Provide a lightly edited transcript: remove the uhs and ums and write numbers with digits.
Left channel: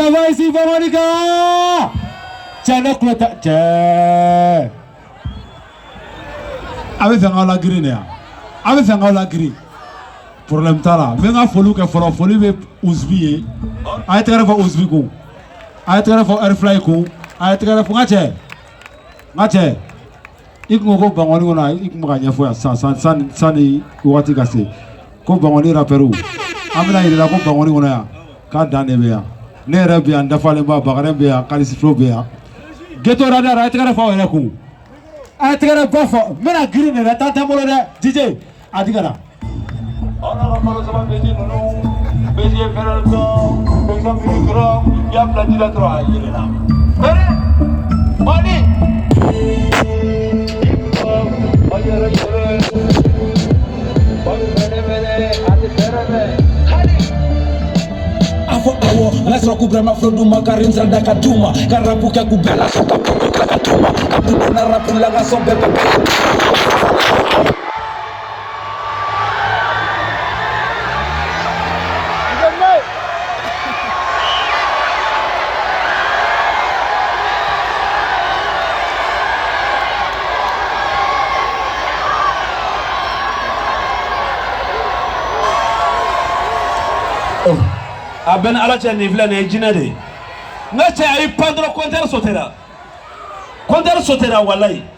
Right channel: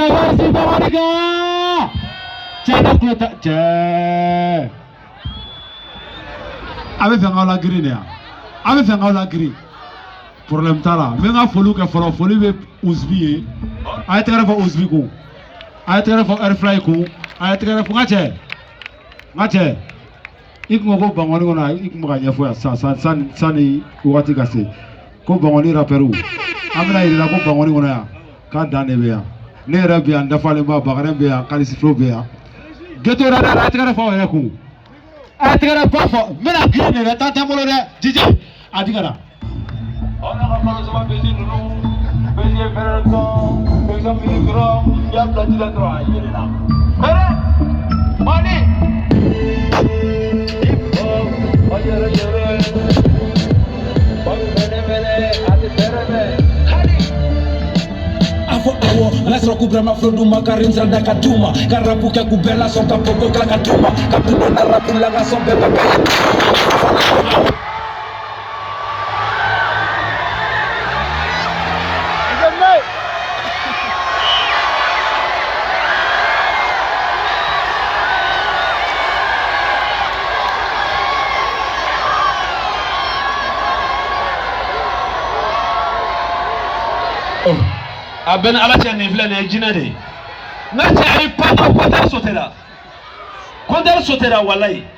ça va ici, les gars. Tiens, là, tiens. Avec un la grille, avec un la grille. Problème ta là. Mais on a fallu que folie be Ouzbi. A été grave Ouzbi ko. A été grave Airfly ko. A été grave ngache. Ngache. Ik mo ko bangoni wona ik mo ganya fo ya san ni wati kase. Ko bangoni rapperu. Amina ila ko bangoni wona ya. Ka dane be ya. Ne re be anda fale ba bagare be ya, kalisi flo be ya. Geto rada a été grave fo ele ko. A été grave fo. Mena grine la tata mo le DJ. Adigara. On a remarqué ça va baiser nous, baiser faire le temps, baiser le grand, il y a plein de droits, il est là. Allez, on est. Lasro kubrama frodu makarin zalda katuma karapuka kubela sota puno kakatuma kapuno na rapula gasombe a ben ala cɛ nin filɛ nin ye jinɛ de ye n ka cɛ ani patron compteur sautera walayi